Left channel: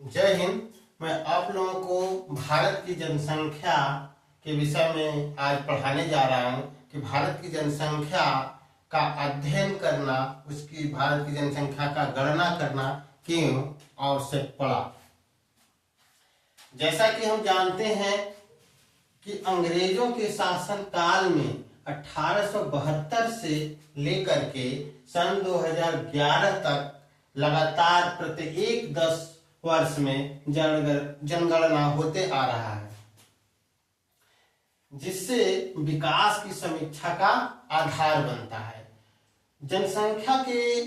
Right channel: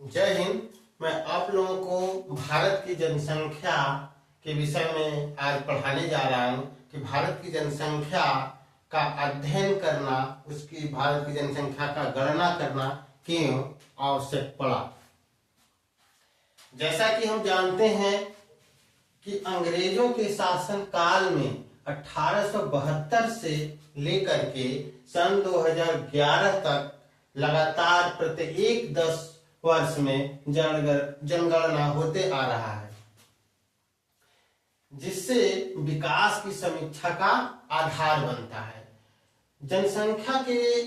जय हिंद। मैं आप लोगों को भारत की जनसंख्या के विषय में आज पढ़ाने जा रहा हूं कि भारत की जनसंख्या का अध्ययन करना, उसकी भारत की जनसंख्या का गणना करना क्यों आवश्यक पड़ा। जैसा कि हम जानते हैं कि अंग्रेजों के शासन काल में 1872 से लेकर के सन 2011 तक लगातार प्रत्येक 10 वर्ष में जनगणना होते आ रहा है, जिससे विकास की समीक्षा का आधार बनता है। जनसंख्या के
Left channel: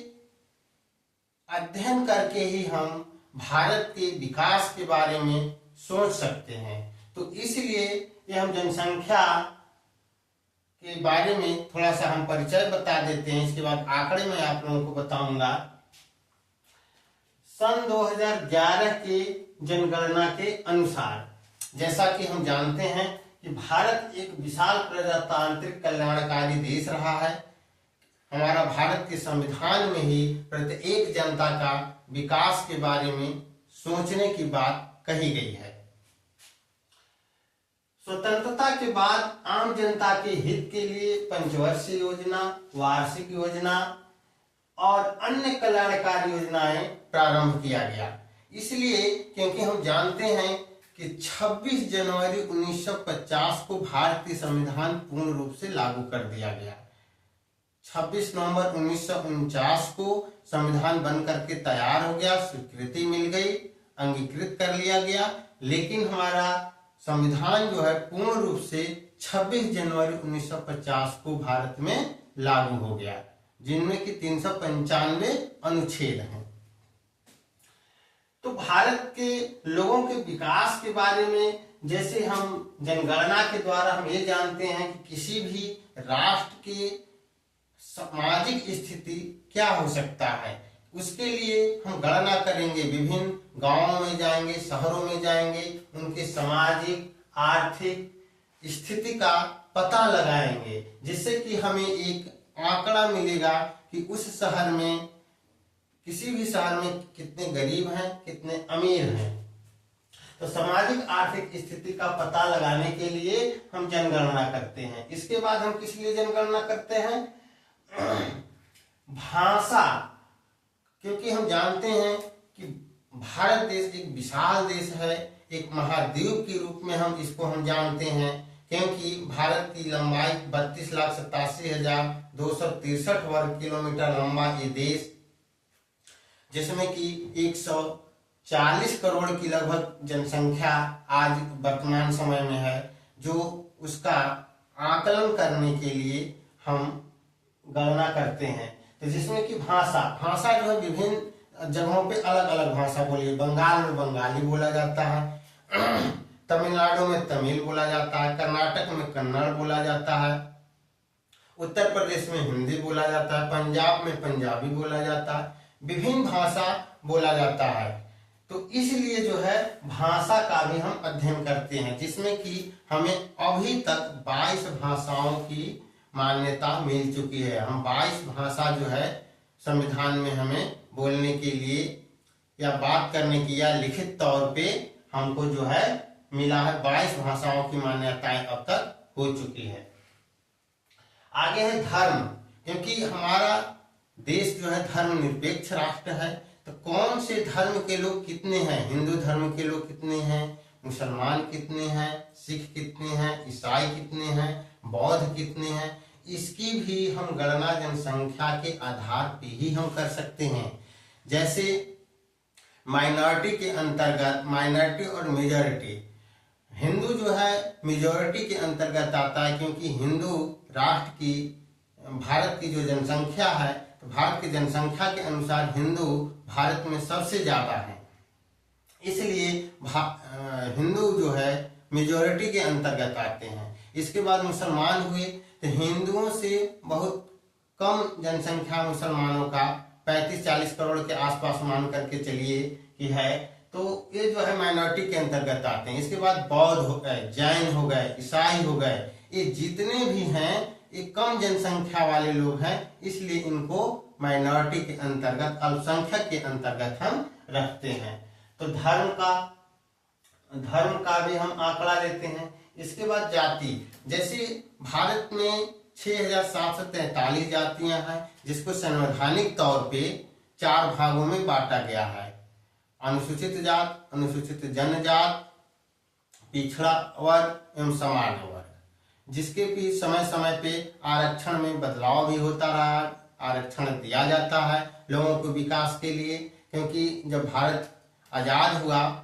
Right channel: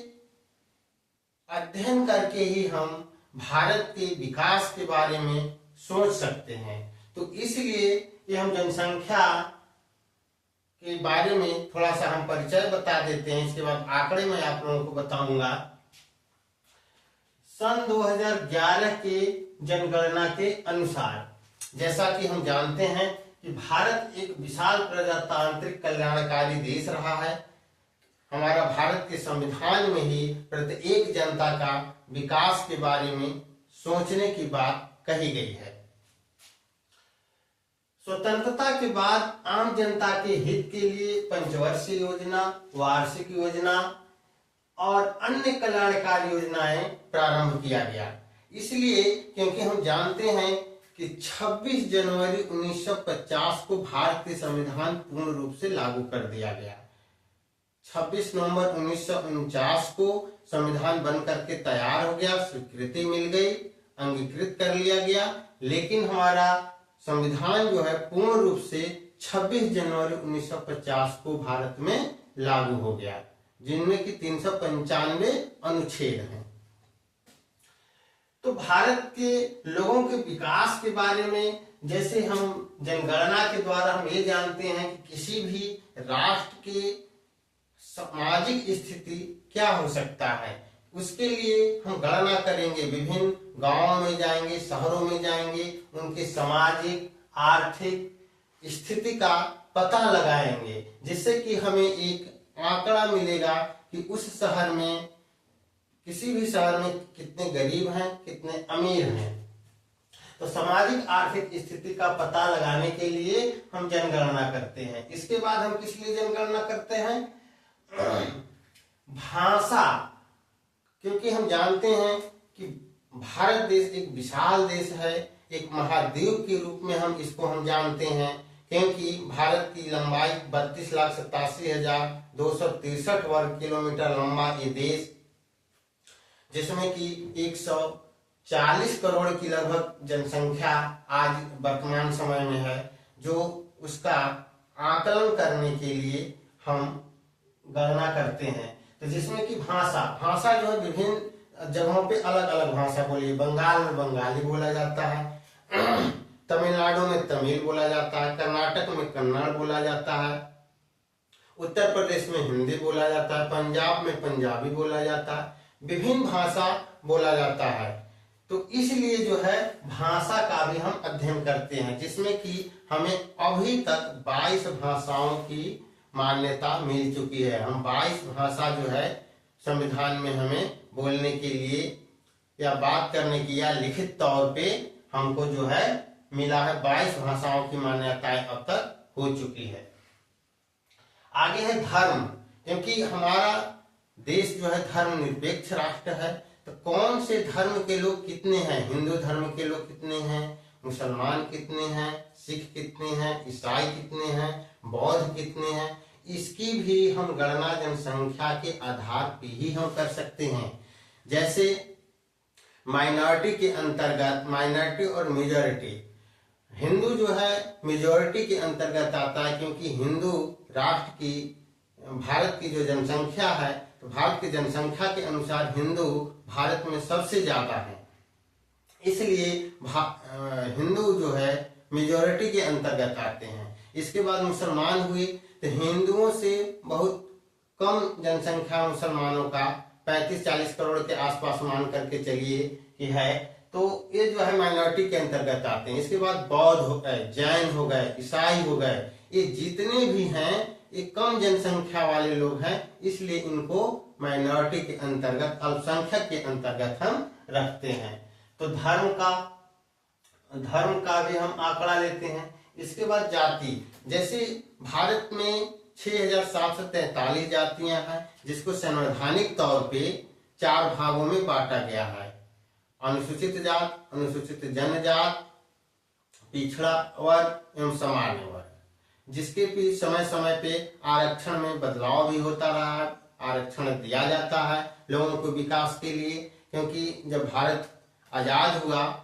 अध्ययन करके ही हम भारत के विकास के बारे में सोच सकते हैं। तो इसलिए ये हम जनसंख्या के बारे में थोड़ा सा हम परिचय बता देते हैं। इसके बाद आंकड़े में आप लोगों को बताऊंगा। सन 2011 के जनगणना के अनुसार जैसा कि हम जानते हैं कि भारत एक विशाल प्रजातांत्रिक कल्याणकारी देश रहा है। हमारा भारत के संविधान में ही प्रत्येक जनता का विकास के बारे में सोचने की बात कही गई है। स्वतंत्रता के बाद आम जनता के हित के लिए पंचवर्षीय योजना, वार्षिक योजना और अन्य कल्याणकारी योजनाएं प्रारंभ किया गया। इसलिए क्योंकि हम जानते हैं कि 26 जनवरी 1950 को भारतीय संविधान पूर्ण रूप से लागू कर दिया गया। 26 नवंबर 1949 को संविधान बन करके तैयार हो गया, स्वीकृति मिल गई, अंगीकृत कर लिया गया। लेकिन हमारा संविधान जो है पूर्ण रूप से 26 जनवरी 1950 को भारत में लागू हो गया, जिनमें कि 395 अनुच्छेद हैं। तो भारत के लोगों के विकास के बारे में जैसे हम जनगणना के द्वारा हम ये जानते हैं कि किसी भी राष्ट्र के सामाजिक स्थिति क्या हो सकता है, उसके लिए हम गणना करेंगे। विभिन्न गांवों में जाएंगे, शहरों में जाएंगे, उनके सामाजिक आर्थिक स्थिति का पता लगाएंगे, जिससे कि हमें एक आंकड़ा मिलेगा कि उस शहर में, किसी भी शहर में कितने गरीब हैं, कितने अमीर हैं। तो सामाजिक आर्थिक स्थिति का पता लगाने के लिए हम जनगणना करते हैं। इसके बाद हम किस लिए जनगणना करते हैं? भाषा, क्योंकि हम जानते हैं कि भारत देश एक विशाल देश है, एक महाद्वीप के रूप में हम इसको जानते हैं, क्योंकि भारत की लंबाई 32,87,263 वर्ग किलोमीटर लंबा ये देश, जिसमें कि 140 करोड़ की लगभग जनसंख्या आज वर्तमान समय में है, जो उसका आकलन करने के लिए हम गणना करते हैं। तो जिसमें कि भाषा जो है विभिन्न जगहों पे अलग अलग भाषा बोली। बंगाल में बंगाली बोला जाता है, तमिलनाडु में तमिल बोला जाता है, कर्नाटक में कन्नड़ बोला जाता है, उत्तर प्रदेश में हिंदी बोला जाता है, पंजाब में पंजाबी बोला जाता है, विभिन्न भाषा बोला जाता है। तो इसलिए जो है भाषा का भी हम अध्ययन करते हैं, जिसमें कि हमें अभी तक 22 भाषाओं की मान्यता मिल चुकी है। हम 22 भाषा जो है संविधान में हमें बोलने के लिए या बात करने की या लिखित तौर पे हमको जो है मिला है। 22 भाषाओं की मान्यताएं अब तक हो चुकी है। आगे है धर्म, क्योंकि हमारा देश जो है धर्मनिरपेक्ष राष्ट्र है। तो कौन से धर्म के लोग कितने हैं? हिंदू धर्म के लोग कितने हैं, मुसलमान कितने हैं, सिख कितने हैं, ईसाई कितने हैं, बौद्ध कितने हैं, इसकी भी हम गणना जनसंख्या के आधार पर ही हम कर सकते हैं। जैसे माइनॉरिटी के अंतर्गत, माइनॉरिटी और मेजॉरिटी, हिंदू जो है मेजॉरिटी के अंतर्गत आता है, क्योंकि हिंदू राष्ट्र की, भारत की जो जनसंख्या है, तो भारत की जनसंख्या के अनुसार हिंदू भारत में सबसे ज्यादा है। इसलिए हिंदू जो है मेजॉरिटी के अंतर्गत आते हैं। इसके बाद मुसलमान हुए, तो हिंदुओं से बहुत कम जनसंख्या मुसलमानों का 35-40 करोड़ के आसपास मान करके चलिए कि है, तो ये जो है माइनॉरिटी के अंतर्गत आते हैं। इसके बाद बौद्ध हो गए, जैन हो गए, ईसाई हो गए, ये जितने भी हैं ये कम जनसंख्या वाले लोग हैं, इसलिए इनको माइनॉरिटी के अंतर्गत, अल्पसंख्यक के अंतर्गत हम रखते हैं। तो धर्म का भी हम आंकड़ा लेते हैं। इसके बाद जाति, जैसे भारत में 6743 जातियां हैं, जिसको संवैधानिक तौर पे 4 भागों में बांटा गया है। अनुसूचित जात, अनुसूचित जनजात, पिछड़ा वर्ग एवं सामान्य वर्ग, जिसके भी समय समय पे आरक्षण में बदलाव भी होता रहा है। आरक्षण दिया जाता है लोगों को विकास के लिए, क्योंकि जब भारत आजाद हुआ,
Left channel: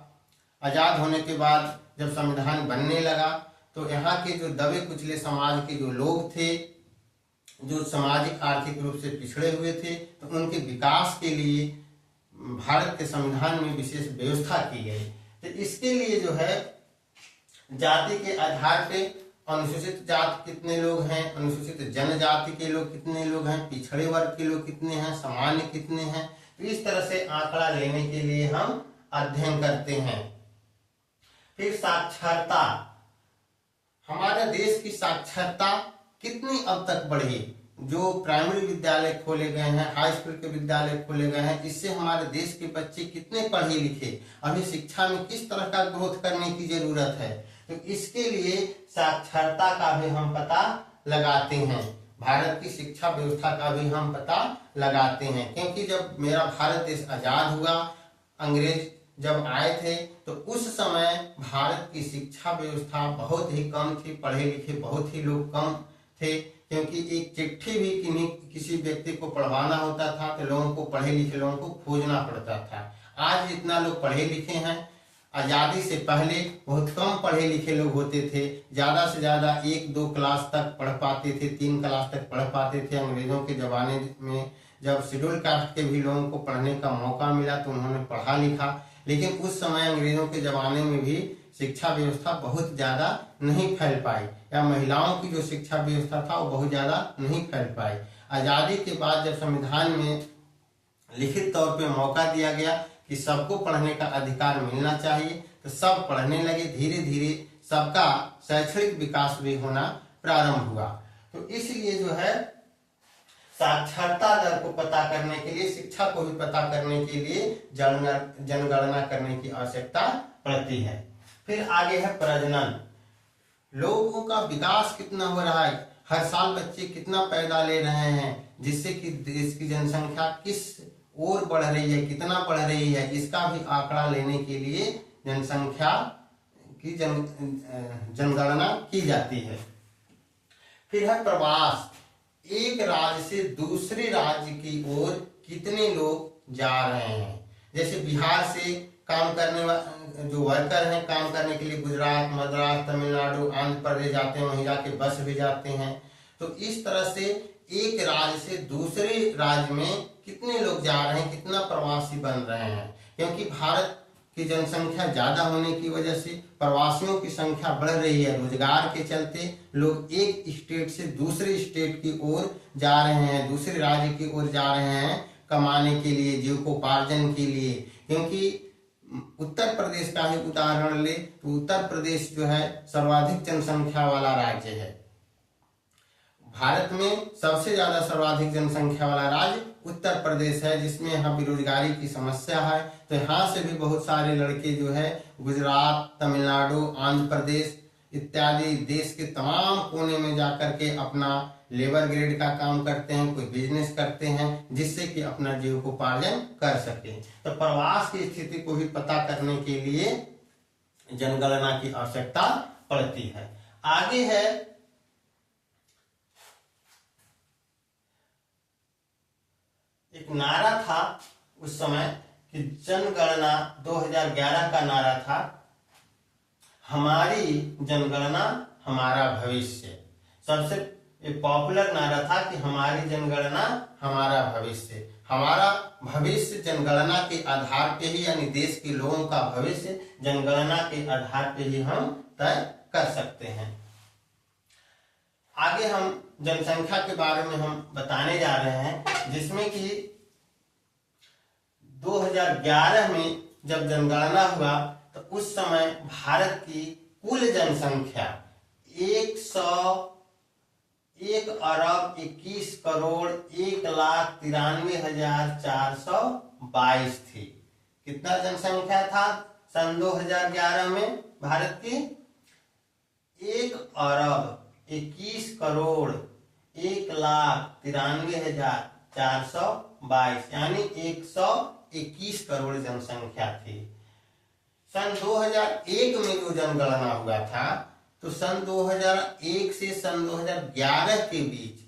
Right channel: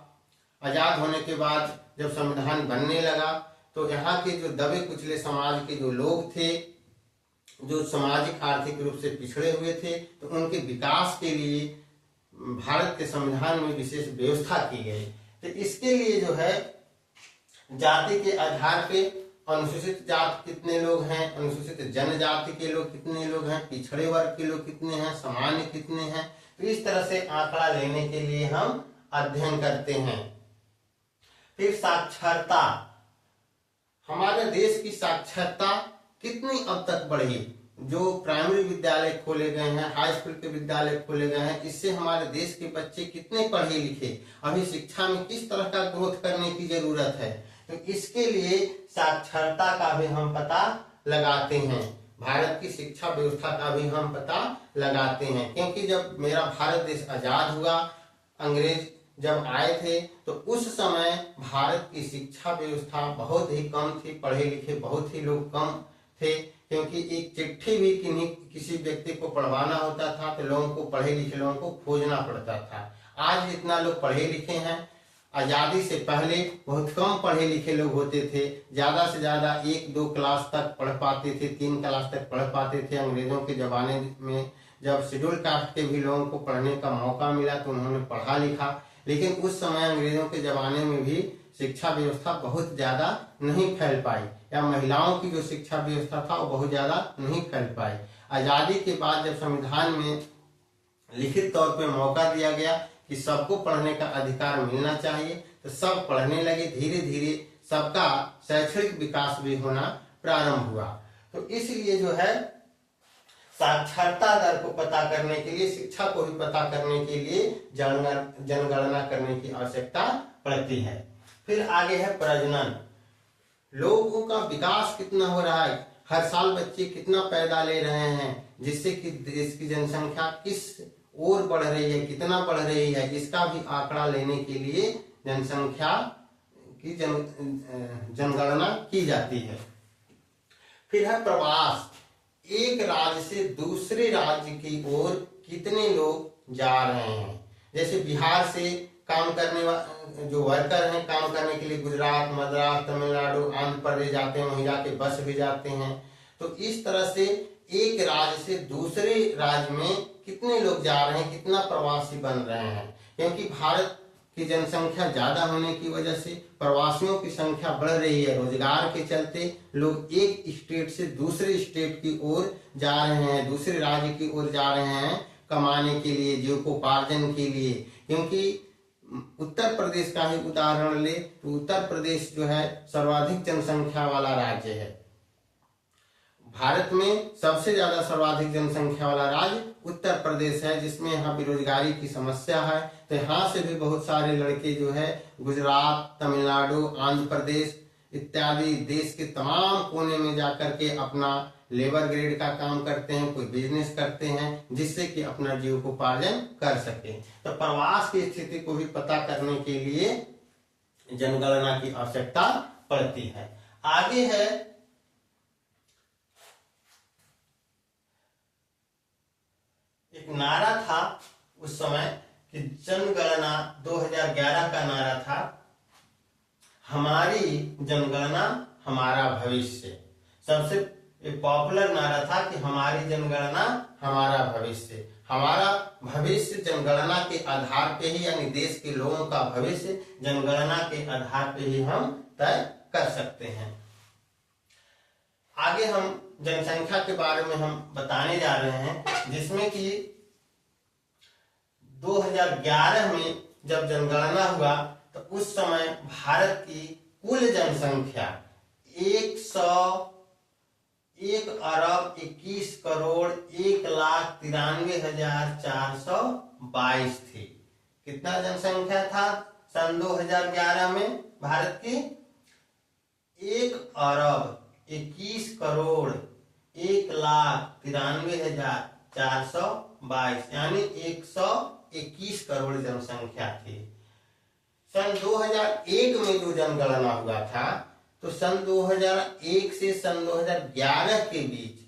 आजाद होने के बाद जब संविधान बनने लगा, तो यहाँ के जो दबे कुचले समाज के जो लोग थे, जो सामाजिक आर्थिक रूप से पिछड़े हुए थे, तो उनके विकास के लिए भारत के संविधान में विशेष व्यवस्था की गई। तो इसके लिए जो है जाति के आधार पे अनुसूचित जात कितने लोग हैं, अनुसूचित जनजाति के लोग कितने लोग हैं, पिछड़े वर्ग के लोग कितने हैं, सामान्य कितने हैं, तो इस तरह से आंकड़ा लेने के लिए हम अध्ययन करते हैं। फिर साक्षरता, हमारे देश की साक्षरता कितनी अब तक बढ़ी। जो प्राइमरी विद्यालय खोले गए हैं, हाई स्कूल के विद्यालय खोले गए हैं, इससे हमारे देश के बच्चे कितने पढ़े लिखे, अभी शिक्षा में किस तरह का ग्रोथ करने की जरूरत है, तो इसके लिए साक्षरता का भी हम पता लगाते हैं। भारत की शिक्षा व्यवस्था का भी हम पता लगाते हैं, क्योंकि जब मेरा भारत देश आजाद हुआ, अंग्रेज जब आए थे, तो उस समय भारत की शिक्षा व्यवस्था बहुत ही कम थी, पढ़े लिखे बहुत ही लोग कम थे, क्योंकि एक चिट्ठी भी किसी व्यक्ति को पढ़वाना होता था तो लोगों को, पढ़े लिखे लोगों को खोजना पड़ता था। आज जितना लोग पढ़े लिखे हैं, आजादी से पहले बहुत कम पढ़े लिखे लोग होते थे, ज्यादा से ज्यादा 1-2 क्लास तक पढ़ पाते थे, 3 क्लास तक पढ़ पाते थे। अंग्रेजों के जमाने में जब शेड्यूल कास्ट के भी लोगों को पढ़ने का मौका मिला तो उन्होंने पढ़ा लिखा, लेकिन उस समय अंग्रेजों के जमाने में भी शिक्षा व्यवस्था बहुत ज्यादा नहीं फैल पाई, या महिलाओं की जो शिक्षा व्यवस्था था वो बहुत ज्यादा नहीं फैल पाई। आजादी के बाद जब संविधान में लिखित तौर पे मौका दिया गया कि सबको पढ़ने का अधिकार मिलना चाहिए, तो सब पढ़ने लगे, धीरे धीरे सबका शैक्षणिक विकास भी होना प्रारंभ हुआ। तो इसलिए जो है साक्षरता दर को पता करने के लिए, शिक्षा को भी पता करने के लिए जनगणना करने की आवश्यकता पड़ती है। फिर आगे है प्रजनन, लोगों का विकास कितना हो रहा है, हर साल बच्चे कितना पैदा ले रहे हैं, जिससे कि देश की जनसंख्या किस ओर बढ़ रही है, कितना बढ़ रही है, इसका भी आंकड़ा लेने के लिए जनसंख्या की जनगणना की जाती है। फिर है प्रवास, एक राज्य से दूसरे राज्य की ओर कितने लोग जा रहे हैं। जैसे बिहार से काम करने वाले जो वर्कर हैं, काम करने के लिए गुजरात, मद्रास, तमिलनाडु, आंध्र प्रदेश जाते हैं, वहीं जाके बस भी जाते हैं। तो इस तरह से एक राज्य से दूसरे राज्य में कितने लोग जा रहे हैं, कितना प्रवासी बन रहे हैं, क्योंकि भारत की जनसंख्या ज्यादा होने की वजह से प्रवासियों की संख्या बढ़ रही है। रोजगार के चलते लोग एक स्टेट से दूसरे स्टेट की ओर जा रहे हैं, दूसरे राज्य की ओर जा रहे हैं कमाने के लिए, जीविकोपार्जन के लिए। क्योंकि उत्तर प्रदेश का ही उदाहरण ले तो उत्तर प्रदेश जो है सर्वाधिक जनसंख्या वाला राज्य है। भारत में सबसे ज्यादा सर्वाधिक जनसंख्या वाला राज्य उत्तर प्रदेश है, जिसमें यहाँ बेरोजगारी की समस्या है। तो यहाँ से भी बहुत सारे लड़के जो है गुजरात, तमिलनाडु, आंध्र प्रदेश इत्यादि देश के तमाम कोने में जाकर के अपना लेबर ग्रेड का काम करते हैं, कोई बिजनेस करते हैं, जिससे कि अपना जीविकोपार्जन कर सके। तो प्रवास की स्थिति को भी पता करने के लिए जनगणना की आवश्यकता पड़ती है। आगे है एक नारा था उस समय कि जनगणना 2011 का नारा था, हमारी जनगणना हमारा भविष्य। सबसे पॉपुलर नारा था कि हमारी जनगणना हमारा भविष्य। हमारा भविष्य जनगणना के आधार पे ही, यानी देश के लोगों का भविष्य जनगणना के आधार पे ही हम तय कर सकते हैं। आगे हम जनसंख्या के बारे में हम बताने जा रहे हैं, जिसमें कि 2011 में जब जनगणना हुआ तो उस समय भारत की कुल जनसंख्या 1,21,21,93,422 थी। कितना जनसंख्या था सन 2011 में भारत की? 1,21,91,93,422 यानी 121 करोड़ जनसंख्या थी। सन 2001 में जो जनगणना हुआ था, तो सन 2001 से सन 2011 के बीच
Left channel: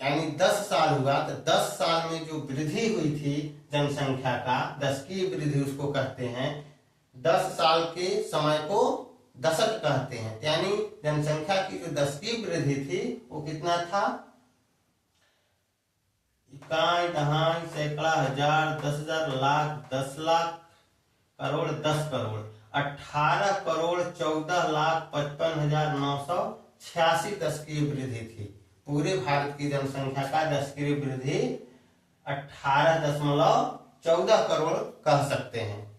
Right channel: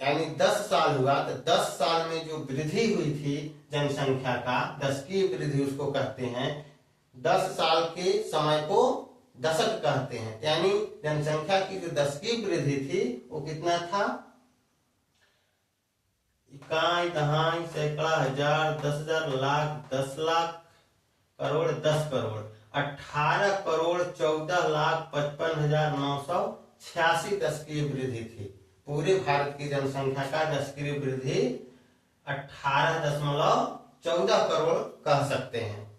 यानी 10 साल हुआ, तो 10 साल में जो वृद्धि हुई थी जनसंख्या का, दशकीय वृद्धि उसको कहते हैं। 10 साल के समय को दशक कहते हैं, यानी जनसंख्या की जो दशकीय वृद्धि थी वो कितना था? इकाई, दहाई, सैकड़ा, हजार, 10,000, लाख, 10 लाख, करोड़, 10 करोड़, 18 करोड़ 14,55,986 दशकीय वृद्धि थी। पूरे भारत की जनसंख्या का दशकीय वृद्धि 18.14 करोड़ कह सकते हैं।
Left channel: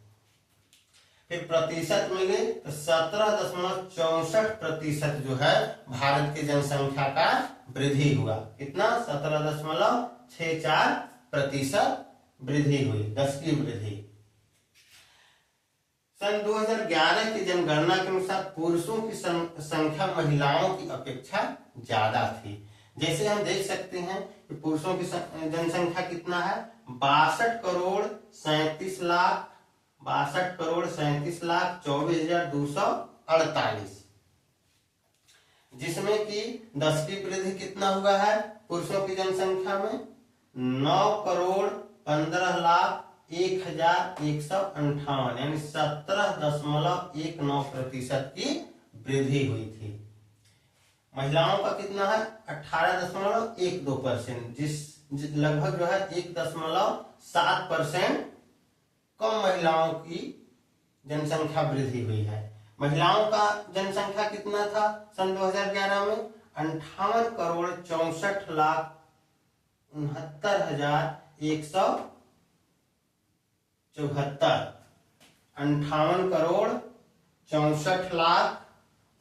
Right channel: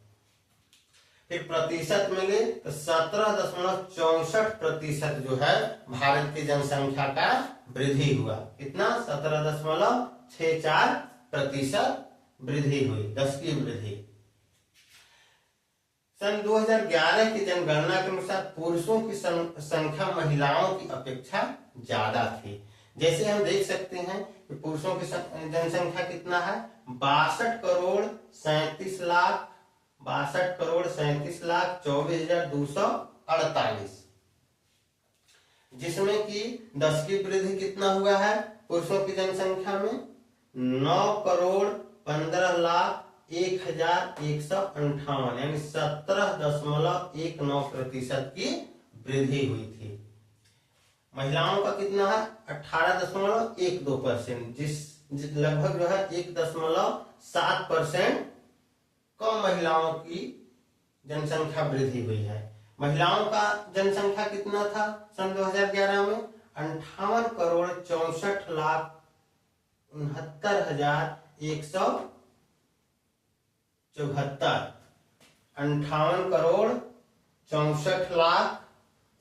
फिर प्रतिशत मिले तो 17.64% जो है भारत की जनसंख्या का वृद्धि हुआ। कितना? 17.64% वृद्धि हुई, दशकीय वृद्धि। सन 2011 की जनगणना के अनुसार पुरुषों की संख्या महिलाओं की अपेक्षा ज्यादा थी। जैसे हम देख सकते हैं कि पुरुषों की जनसंख्या कितना है? 62,37,24,248, जिसमें कि 10 की वृद्धि कितना हुआ है पुरुषों की जनसंख्या में? 9,15,01,158 यानी 17.19% की वृद्धि हुई थी। महिलाओं का कितना है? 18.12%, जिस लगभग जो है 1.7% कम महिलाओं की जनसंख्या वृद्धि हुई है। महिलाओं का जनसंख्या कितना था सन 2011 में? 58,64,69,174,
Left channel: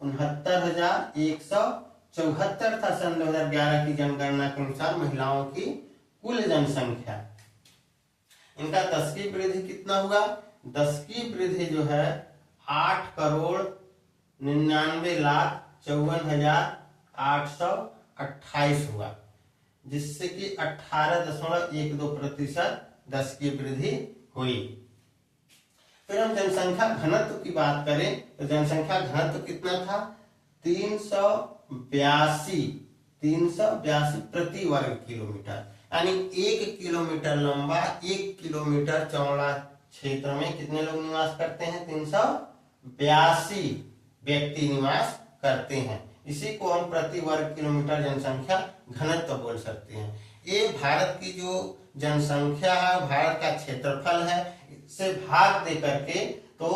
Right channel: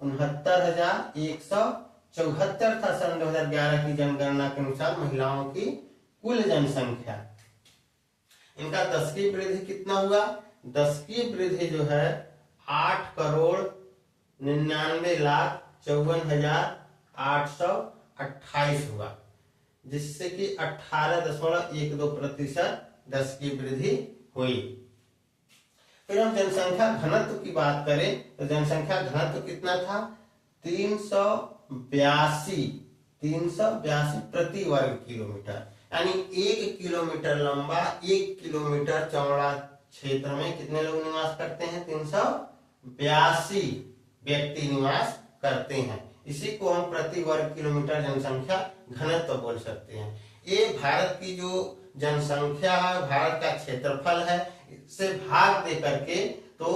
58,64,69,174 था सन 2011 की जनगणना के अनुसार महिलाओं की कुल जनसंख्या। इनका दशकीय वृद्धि कितना हुआ? दशकीय वृद्धि जो है 8,99,54,828 हुआ, जिससे कि 18.12% दशकीय वृद्धि हुई। फिर हम जनसंख्या घनत्व की बात करें तो जनसंख्या घनत्व कितना था? 382 प्रति वर्ग किलोमीटर, यानी 1 किलोमीटर लंबा 1 किलोमीटर चौड़ा क्षेत्र में कितने लोग निवास करते हैं? 382 व्यक्ति निवास करते हैं। इसी को हम प्रति वर्ग किलोमीटर जनसंख्या घनत्व बोल सकते हैं। ये भारत की जो जनसंख्या है, भारत का क्षेत्रफल है, इससे भाग दे करके तो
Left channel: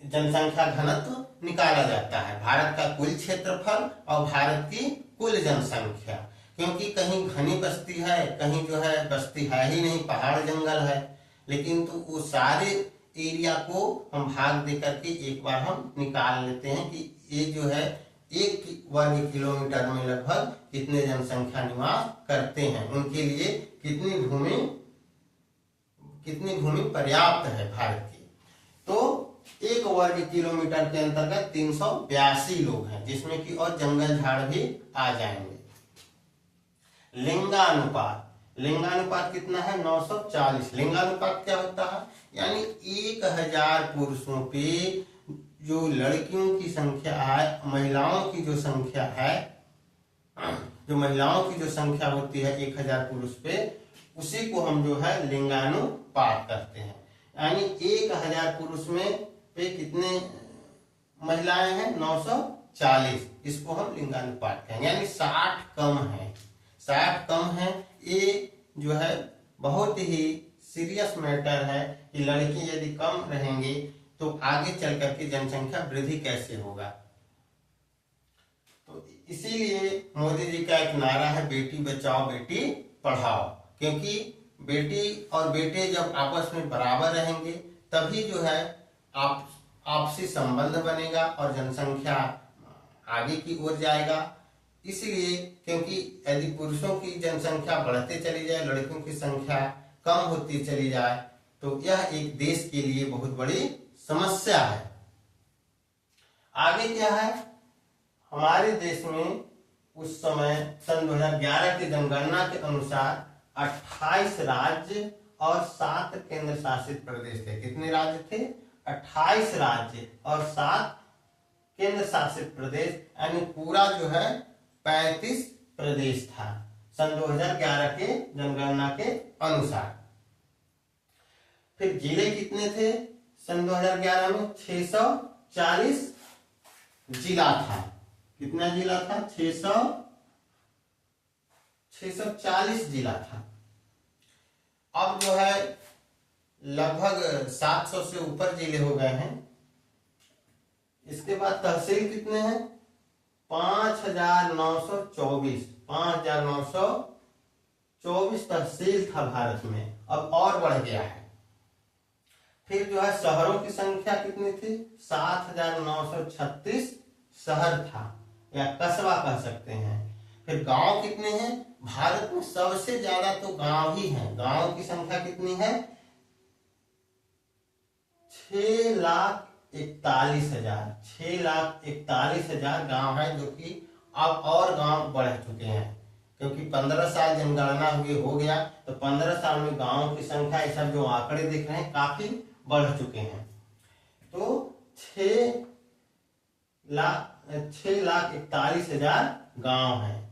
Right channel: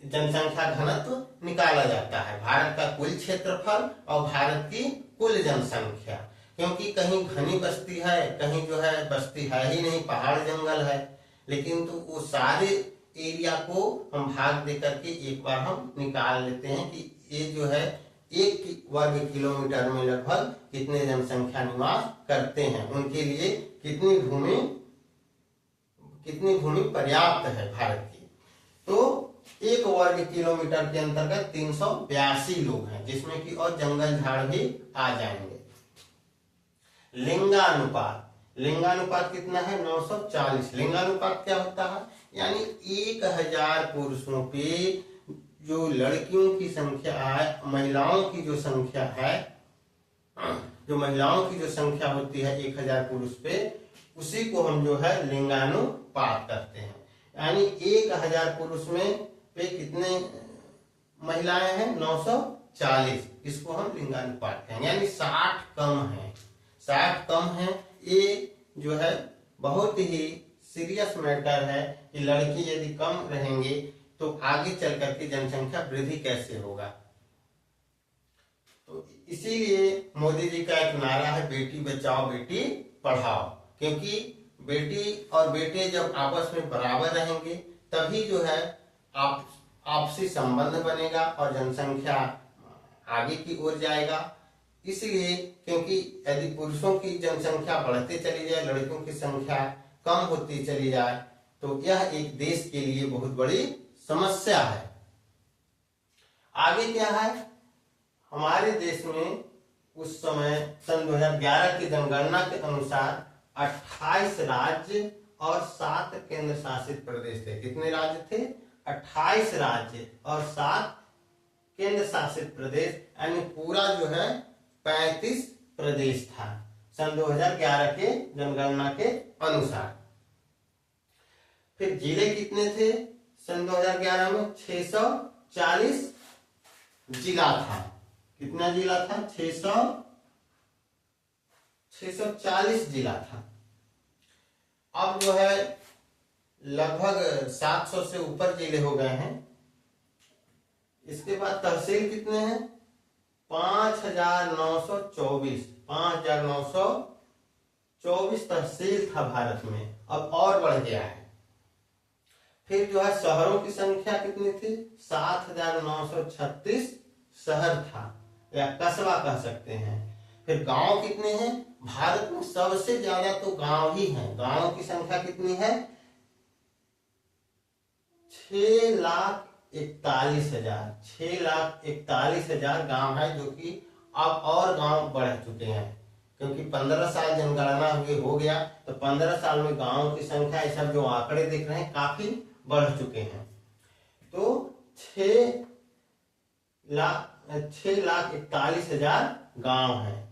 जनसंख्या घनत्व निकाला जाता है। भारत का कुल क्षेत्रफल और भारत की कुल जनसंख्या, क्योंकि कहीं घनी बस्ती है, कहीं जो है बस्ती है ही नहीं, पहाड़ जंगल है, लेकिन तो वो सारे एरिया को हम भाग दे करके एक बार हम निकाल लेते हैं कि ये जो है 1 वर्ग किलोमीटर में लगभग कितने जनसंख्या निवास करते हैं, उनके लिए कितनी भूमि पर्याप्त है भारत की। तो 1 वर्ग किलोमीटर के अंतर्गत 382 लोग हैं, जिसमें कि और जंगल झाड़ भी आ जाएंगे। लिंगानुपात कितना है? 940। लिंगानुपात क्या होता है? यानी 1000 पुरुषों पे जो लड़कियों की संख्या है, महिलाओं की जो संख्या है, जो महिलाओं की जो संख्या होती है 1000 पुरुष पे, उसी को हम जो है लिंगानुपात करते हैं। यानी 1000 पुरुष में पे कितने महिलाएं हैं? 940। इसको हम लिंगानुपात कहेंगे, यानी 60 कम है। 60 कम है। ये जो है बहुत ही सीरियस मैटर है कि लड़की यदि कम रहेंगे तो आगे चल करके जनसंख्या वृद्धि कैसे होगा। तो इसीलिए मोदी जी का एक नारा है, बेटी बचाओ बेटी पढ़ाओ, क्योंकि बेटी और बेटे जब आपस में बराबर रहेंगे तभी जो है आपसी संबंध बनेगा और जनसंख्या आगे की ओर जाएगा। इसलिए क्योंकि यदि पुरुषों की जनसंख्या बढ़ते चली जाए, लड़कियों की संख्या कम होती चली जाए, तो यह एक देश के लिए बहुत बड़ी समस्या है। आगे क्या है, हमारे देश में उस समय सन 2011 की जनगणना के अनुसार 28 राज्य और 7 केंद्र शासित प्रदेश थे। कितने राज्य थे? 28 राज्य और 7 केंद्र शासित प्रदेश, यानी पूरा जो है 35 प्रदेश था सन 2011 के जनगणना के अनुसार। फिर जिले कितने थे सन 2011 में? 640 जिला था। कितना जिला था? 640 जिला था। अब जो है लगभग 700 से ऊपर जिले हो गए हैं। इसके बाद तहसील कितने हैं? 5924 तहसील था भारत में, अब और बढ़ गया है। फिर जो है शहरों की संख्या कितनी थी? 7936 शहर था या कस्बा कह सकते हैं। फिर गांव कितने हैं? भारत में सबसे ज्यादा तो गांव ही हैं। गांव की संख्या कितनी है? 6,41,000 गांव है, जो कि अब और गांव बढ़ चुके हैं क्योंकि 15 साल जनगणना हो गया, तो 15 साल में गांव की संख्या, ये सब जो आंकड़े दिख रहे हैं काफी बढ़ चुके हैं। तो 6,41,000 गांव हैं।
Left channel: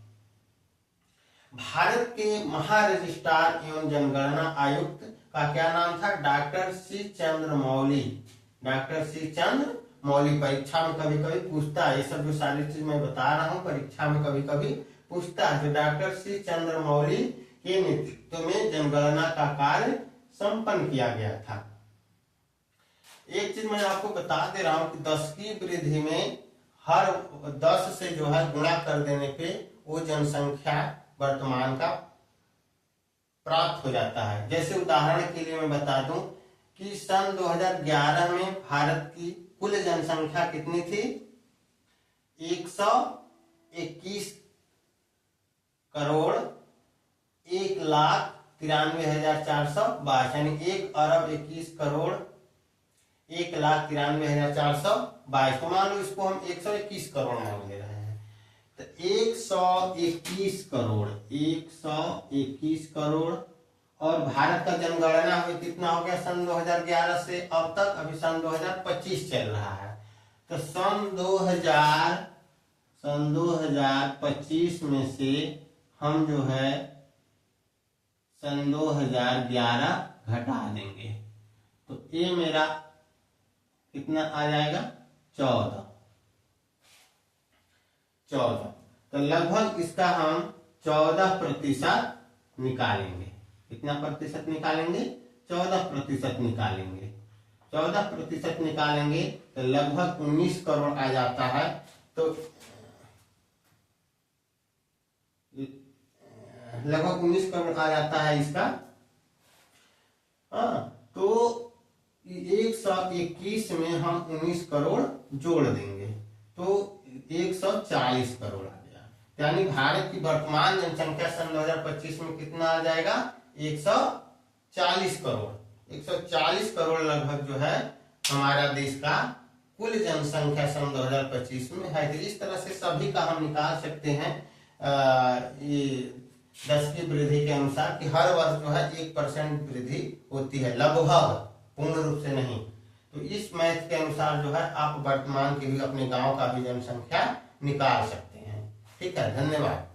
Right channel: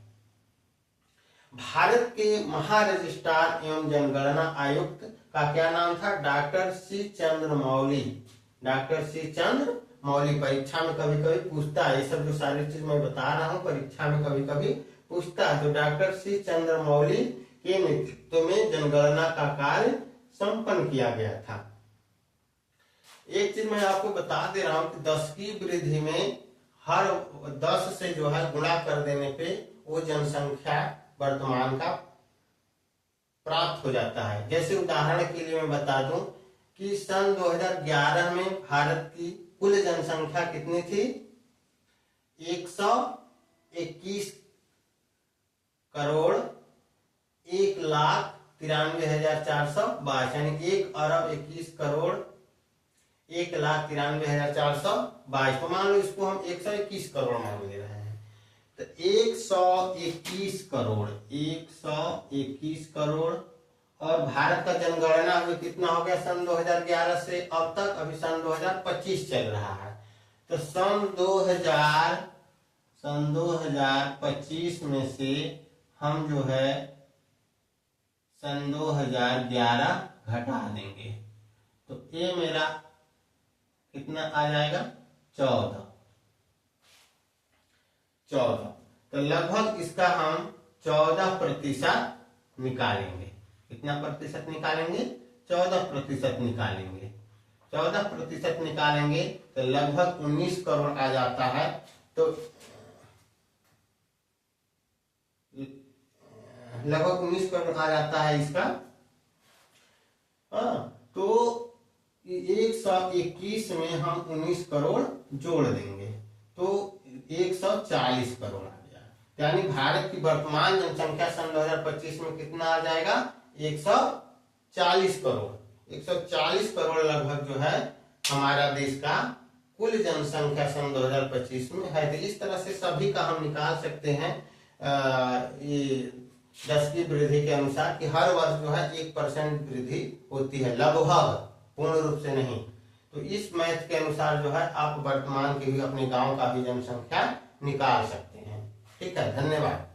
भारत के महारजिस्ट्रार एवं जनगणना आयुक्त का क्या नाम था? Doctor C Chandramouli. Doctor C Chandramouli. परीक्षा में कभी कभी पूछता है, ये सब जो सारी चीज मैं बता रहा हूँ परीक्षा में कभी कभी पूछता है। तो डॉक्टर सी चंद्रमौली के नेतृत्व में जनगणना का कार्य संपन्न किया गया था। एक चीज मैं आपको बता दे रहा हूँ कि 10 की वृद्धि में हर 10 से जो है गुणा कर देने पे वो जनसंख्या वर्तमान का प्राप्त हो जाता है। जैसे उदाहरण के लिए मैं बता दूं कि सन 2011 में भारत की कुल जनसंख्या कितनी थी? 121 करोड़ 1,93,422, यानी 1,21,91,422। तो मान लो इसको हम 121 करोड़ मान ले रहे हैं, तो 121 करोड़ और भारत का जनगणना हुई कितना हो गया सन 2011 से अब तक? अभी सन 2025 चल रहा है, तो सन 2025 में से हम जो है सन 2011 घटा देंगे, तो ये मेरा कितना आ जाएगा? 14। तो लगभग इसका हम 14% निकालेंगे। कितना प्रतिशत निकालेंगे? 14% निकालेंगे। 14% निकालेंगे तो लगभग 19 करोड़ आ जाता है। तो लगभग 19 करोड़ आ जाता है इसका। तो 121 में हम 19 करोड़ जोड़ देंगे तो 140 करोड़ आ गया। यानी भारत की वर्तमान जनसंख्या सन 2025 में कितना आ जाएगा? 140 करोड़। 140 करोड़ लगभग जो है हमारा देश का कुल जनसंख्या सन 2025 में है। तो इस तरह से सभी का हम निकाल सकते हैं ये 10 की वृद्धि के अनुसार कि हर वर्ष जो है 1% वृद्धि होती है, लगभग, पूर्ण रूप से नहीं। तो इस मैथ के अनुसार जो है आप वर्तमान की भी अपने गांव का भी जनसंख्या निकाल सकते हैं। ठीक है, धन्यवाद।